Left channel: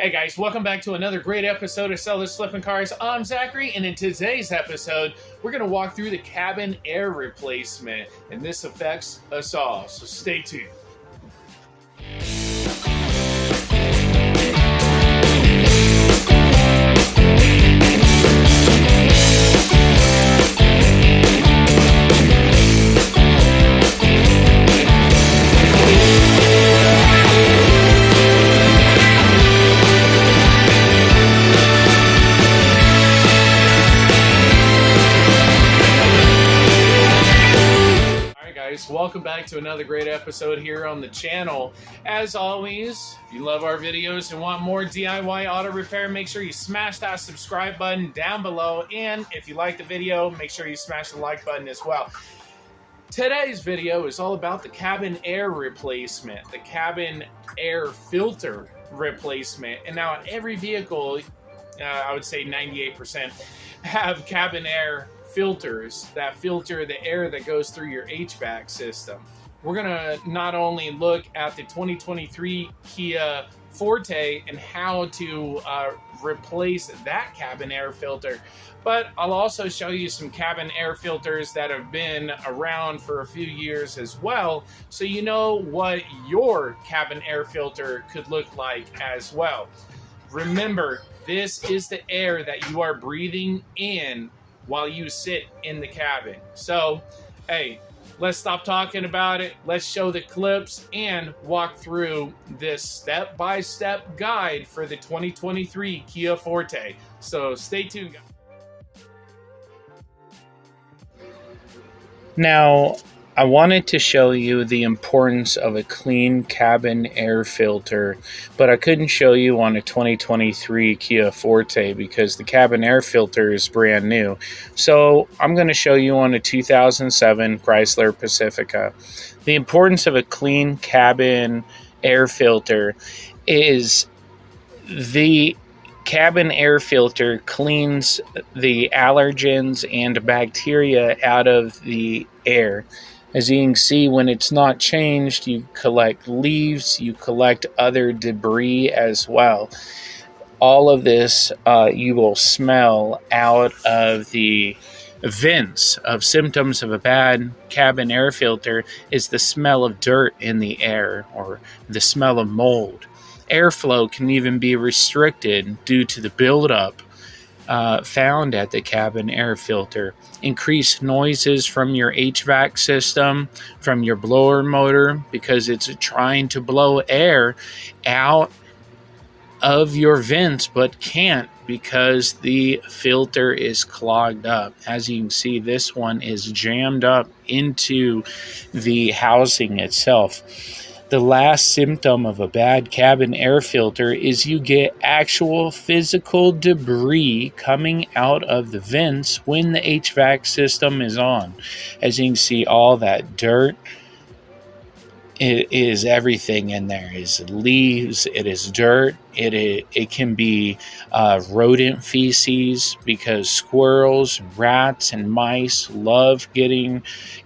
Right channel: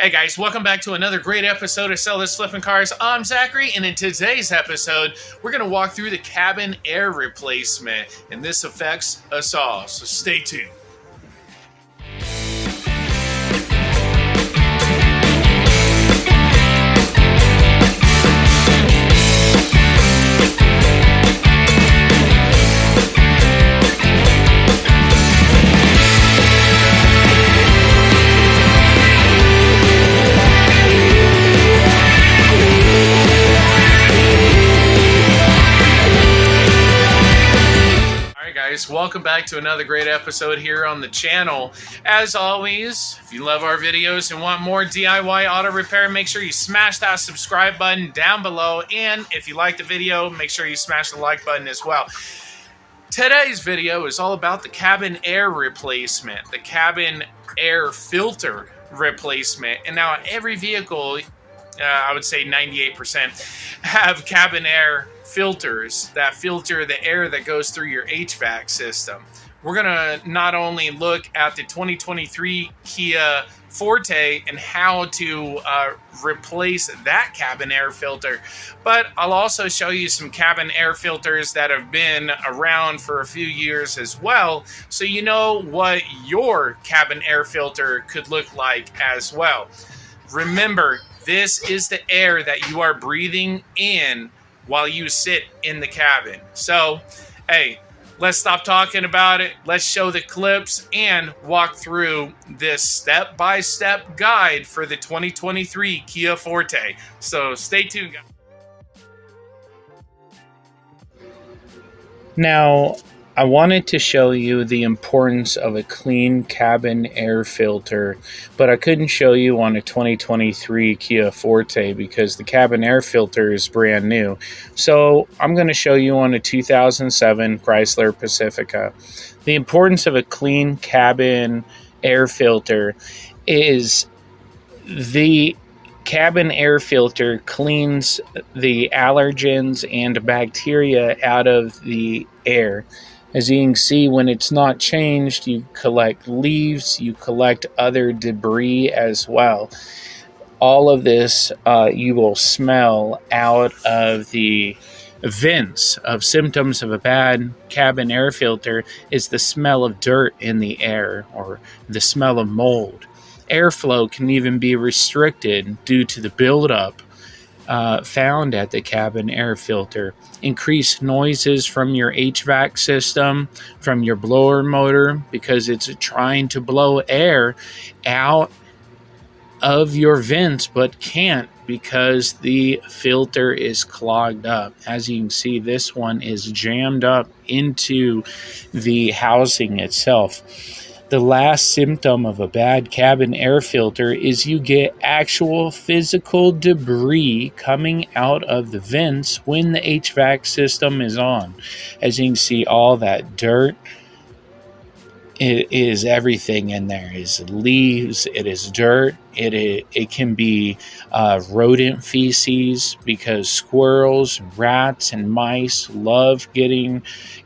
Hey guys, welcome back to another great episode of Sell Those Flipping Cars. I'm Zachary, and in today's episode, we're going to walk through the cabin air replacement, and this affects us all, so stay tuned. Welcome back to another great episode here on the channel. As always, if you love our videos and want more DIY auto repair, make sure you smash that subscribe button down below. And if you like the video, make sure you smash the like button as well. Today's video is all about the cabin air replacement, the cabin air filter replacement. And now every vehicle, I would say 98%, have cabin air filters that filter the air that goes through your HVAC system. We're gonna not only look at the 2023 Kia Forte and how to replace that cabin air filter, but I'll also show you some cabin air filters that have been around for a few years as well, so you know what your cabin air filter could look like as well. Remember, this is the air that you are breathing in while you sit in the cabin. So, hey, let's stop talking about it. Let's show the clips and walk through this step-by-step guide for the 2023 Kia Forte. So stay tuned, guys. Now, I wanted to show you the importance of a clean cabin air filter, but I couldn't show you on a 2023 Kia Forte because the cabin air filter is brand new. So I'm going to show you on a 2007 Chrysler Pacifica. The importance of a clean cabin air filter is the cabin air filter cleans the allergens and bacteria out of the air. As you can see, when it's not changed, you collect leaves, you collect other debris as well. All of this you will smell out of the vents. Of symptoms of a bad cabin air filter is the smell of dirt in the air or the smell of mold. Airflow can even be restricted due to the buildup found at the cabin air filter. Increased noises from your HVAC system, from your blower motor, because it's trying to blow air out of your vents but can't because the filter is clogged up. As you can see, this one is jammed up into the housing itself. The last symptom of a bad cabin air filter is you get actual physical debris coming out of the vents when the HVAC system is on. As you can see, all that dirt, it is everything in there. It is leaves, it is dirt, it can be rodent feces because squirrels, rats, and mice love getting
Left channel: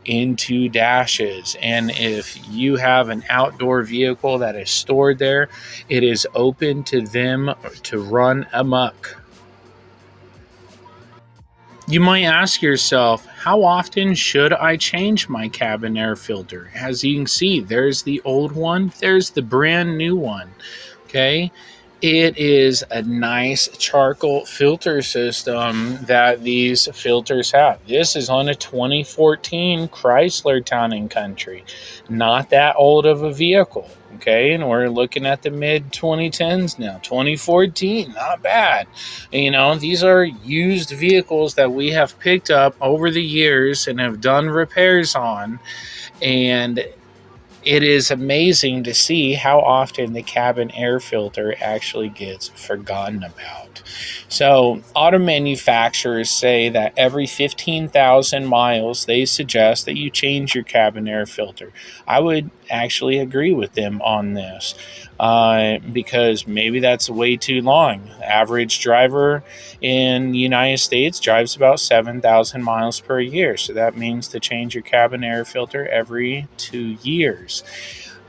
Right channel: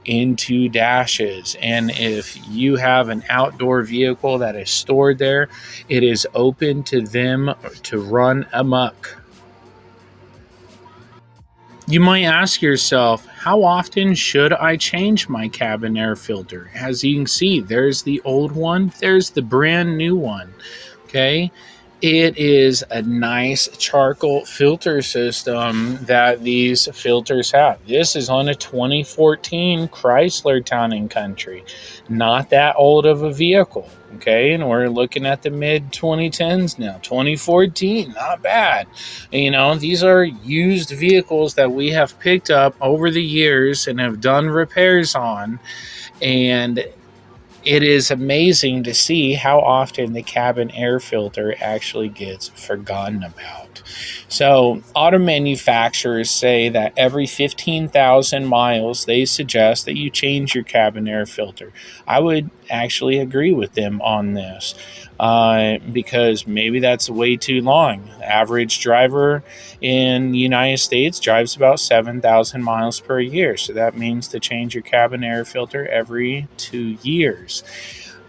into dashes. And if you have an outdoor vehicle that is stored there, it is open to them to run amok. You might ask yourself, how often should I change my cabin air filter? As you can see, there's the old one, there's the brand new one, okay? It is a nice charcoal filter system that these filters have. This is on a 2014 Chrysler Town & Country. Not that old of a vehicle, okay? And we're looking at the mid-2010s now. 2014, not bad. You know, these are used vehicles that we have picked up over the years and have done repairs on. And it is amazing to see how often the cabin air filter actually gets forgotten about. So, auto manufacturers say that every 15,000 miles, they suggest that you change your cabin air filter. I would actually agree with them on this because maybe that's way too long. The average driver in the United States drives about 7,000 miles per year. So that means to change your cabin air filter every 2 years.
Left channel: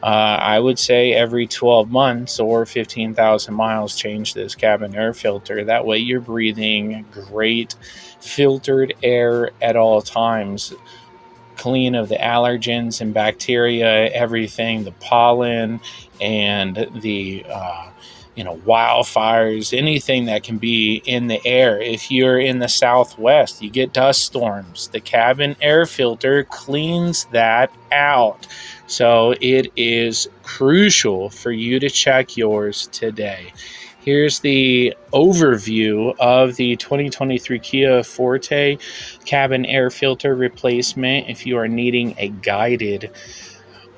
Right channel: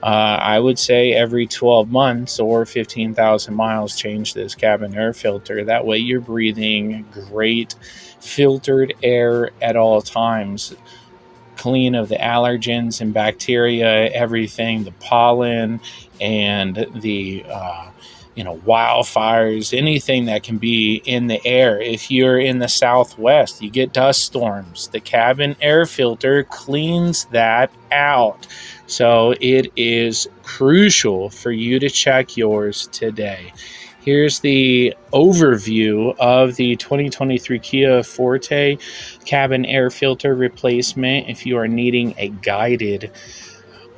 I would say every 12 months or 15,000 miles, change this cabin air filter. That way you're breathing great filtered air at all times, clean of the allergens and bacteria, everything, the pollen and the wildfires, anything that can be in the air. If you're in the Southwest, you get dust storms. The cabin air filter cleans that out. So it is crucial for you to check yours today. Here's the overview of the 2023 Kia Forte cabin air filter replacement. If you are needing a guided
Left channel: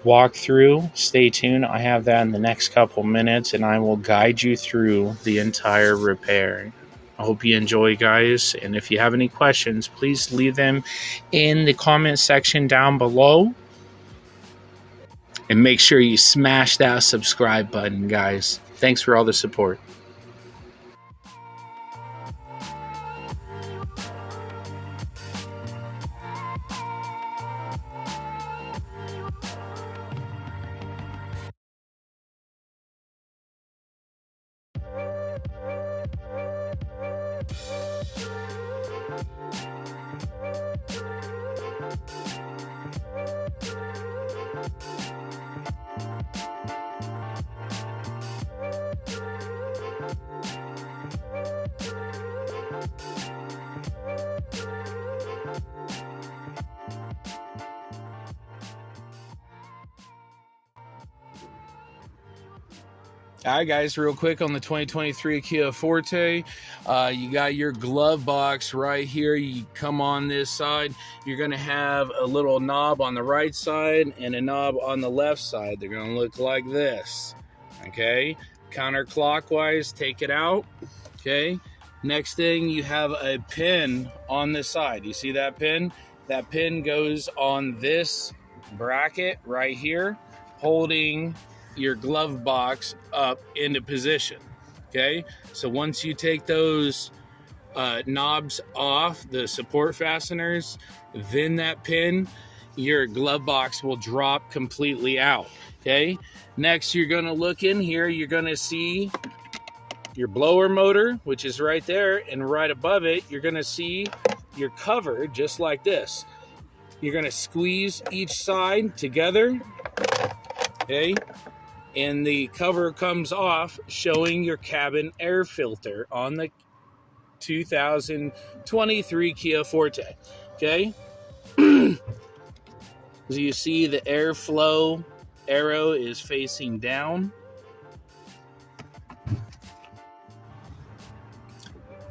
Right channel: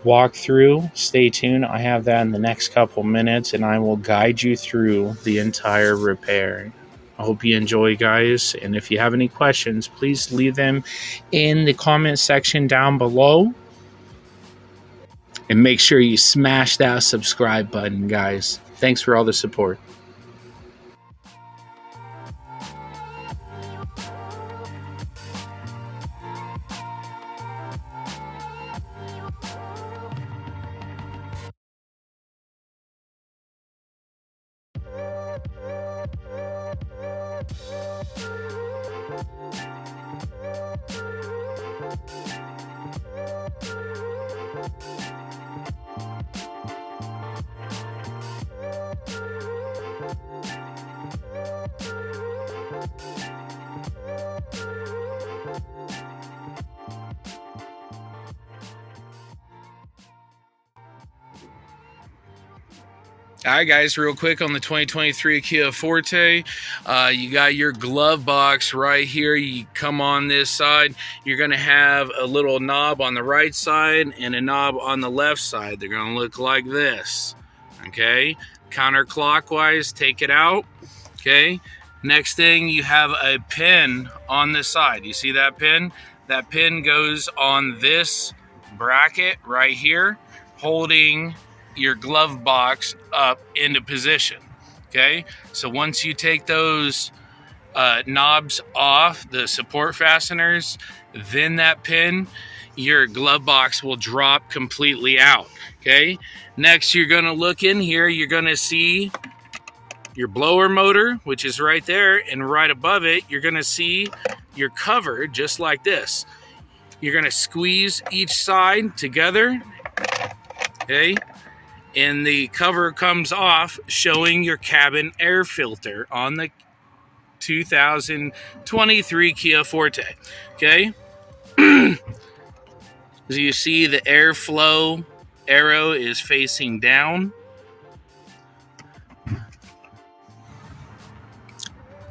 walkthrough, stay tuned. I have that in the next couple minutes, and I will guide you through the entire repair. I hope you enjoy, guys, and if you have any questions, please leave them in the comment section down below. And make sure you smash that subscribe button, guys. Thanks for all the support. All right, guys, real quick on the 2023 Kia Forte, you got your glove box right here. You come on this side, you're going to have a little knob on the right side and a knob on the left side. They're going to look like this, okay? Counterclockwise, take it out, okay? Next thing, you have a pin on the side. You see that pin? That pin goes on this bracket right here, holding your glove box up into position. Okay, so once you take those knobs off, the support fasteners, then that pin, your glove box will drop completely out. Okay, next you're going to look in here, you're going to see your blower motor, which is right there, and right above it you're going to see your cover, just like this. You're going to squeeze each side together, okay, and the cover comes off, showing your cabin air filter on the 2023 Kia Forte. Okay, as you see, the airflow arrow is facing down.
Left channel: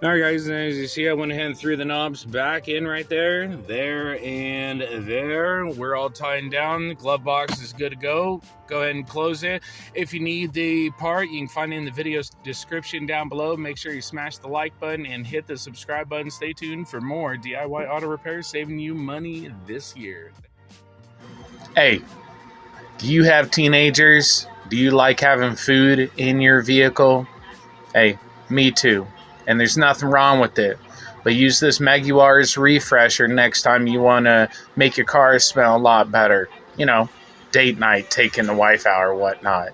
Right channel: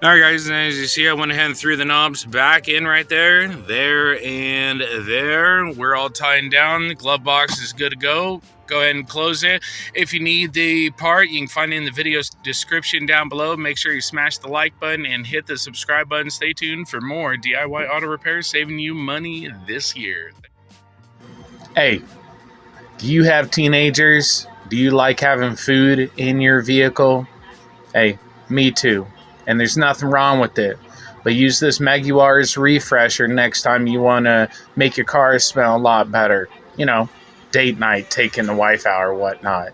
All right, guys, and as you see, I went ahead and threw the knobs back in right there, and there. We're all tightened down. The glove box is good to go. Go ahead and close it. If you need the part, you can find it in the video description down below. Make sure you smash the like button and hit the subscribe button. Stay tuned for more DIY auto repairs, saving you money this year. Hey, do you have teenagers? Do you like having food in your vehicle? Hey, me too. And there's nothing wrong with it. But use this Meguiars refresher next time you want to make your car smell a lot better. You know, date night, taking the wife out or whatnot.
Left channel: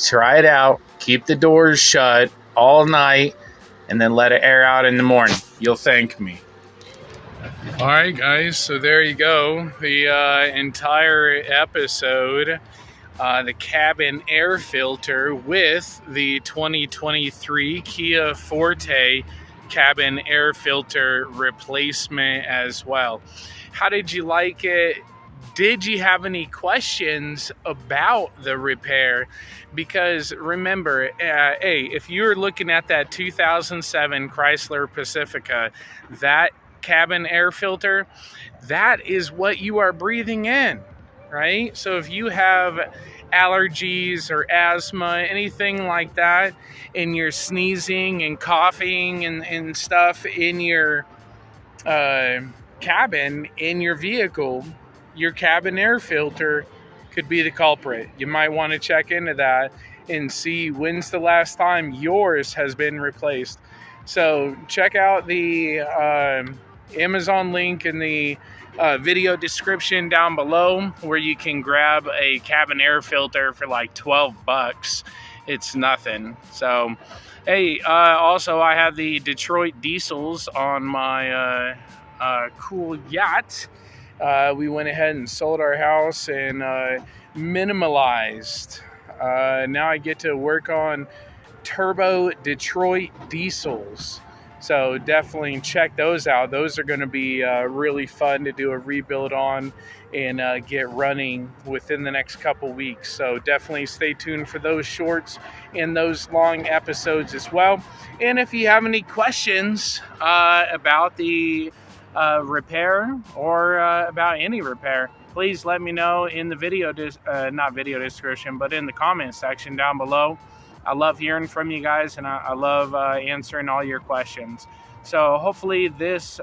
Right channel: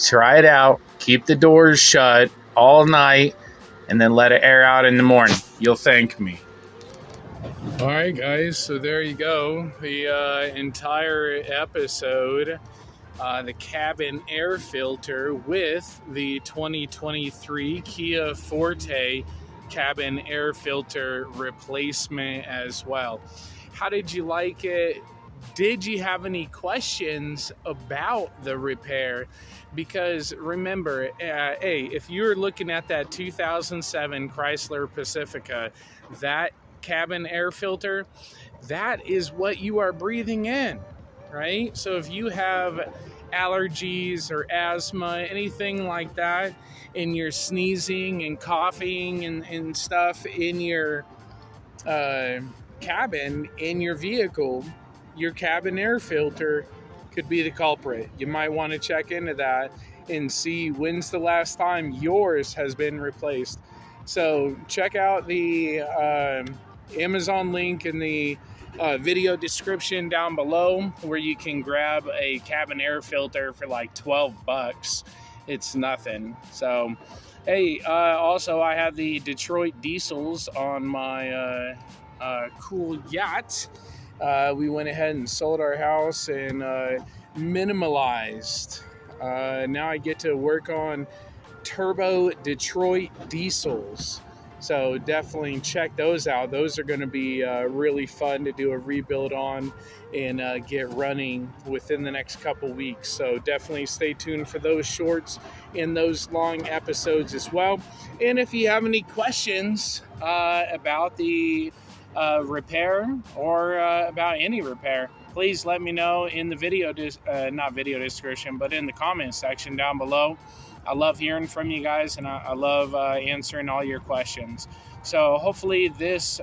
Try it out. Keep the doors shut all night and then let it air out in the morning. You'll thank me. All right, guys, so there you go. The entire episode, the cabin air filter with the 2023 Kia Forte cabin air filter replacement as well. How did you like it? Did you have any questions about the repair? Because remember, hey, if you're looking at that 2007 Chrysler Pacifica, that cabin air filter, that is what you are breathing in, right? So if you have allergies or asthma, anything like that, and you're sneezing and coughing and stuff in your cabin, in your vehicle, your cabin air filter could be the culprit. You might want to check into that and see when's the last time yours has been replaced. So check out the Amazon link in the video description down below where you can grab a cabin air filter for like 12 bucks. It's nothing. So, hey, also I have the Detroit diesels on my cool yacht. We went ahead and sold our house and minimalized. Now I get to work on turbo Detroit diesels. So definitely check those out. Those are going to be really fun to do a rebuild on and get running within the next couple weeks. So definitely stay tuned for those shorts and those long episodes as well. And if you have any questions about the repair or about any repair, please let me know in the video, not video description, but in the comment section down below. I love hearing from you guys, and I love answering all your questions. So hopefully this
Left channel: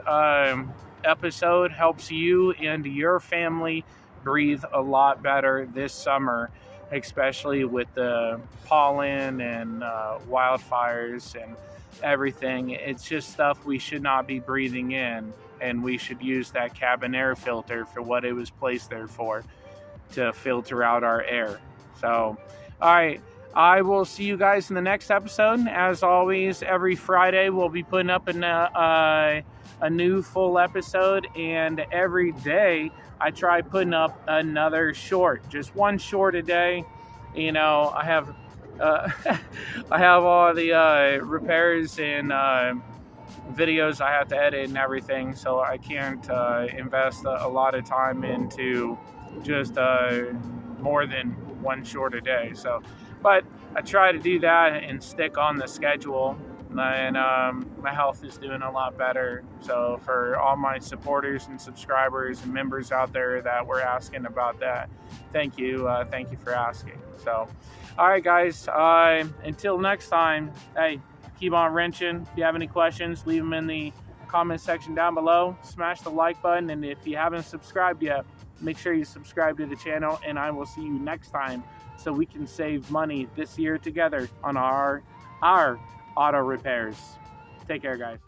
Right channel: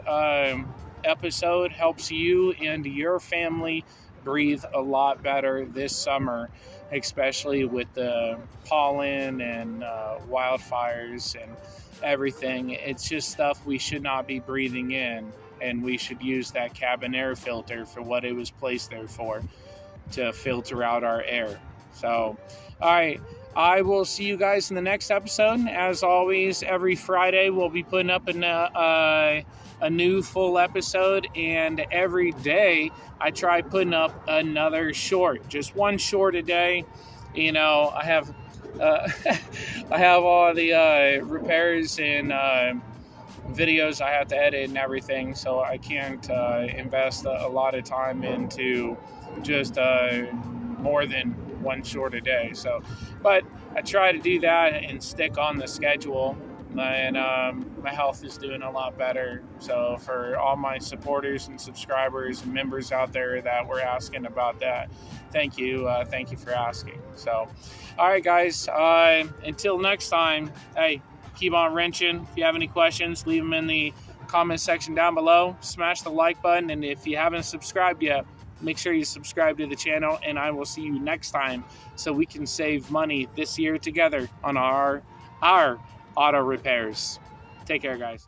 episode helps you and your family breathe a lot better this summer, especially with the pollen and wildfires and everything. It's just stuff we should not be breathing in, and we should use that cabin air filter for what it was placed there for, to filter out our air. So, all right. I will see you guys in the next episode. As always, every Friday we'll be putting up a new full episode, and every day I try putting up another short, just one short a day. You know, I have I have all the repairs and videos I have to edit and everything, so I can't invest a lot of time into just more than one short a day. So, but I try to do that and stick on the schedule, and my health is doing a lot better. So for all my supporters and subscribers and members out there that were asking about that, thank you for asking. So, all right, guys, until next time, hey, keep on wrenching. If you have any questions, leave them in the comment section down below. Smash the like button, and if you haven't subscribed yet, make sure you subscribe to the channel, and I will see you next time so we can save money this year together on our auto repairs. Take care, guys.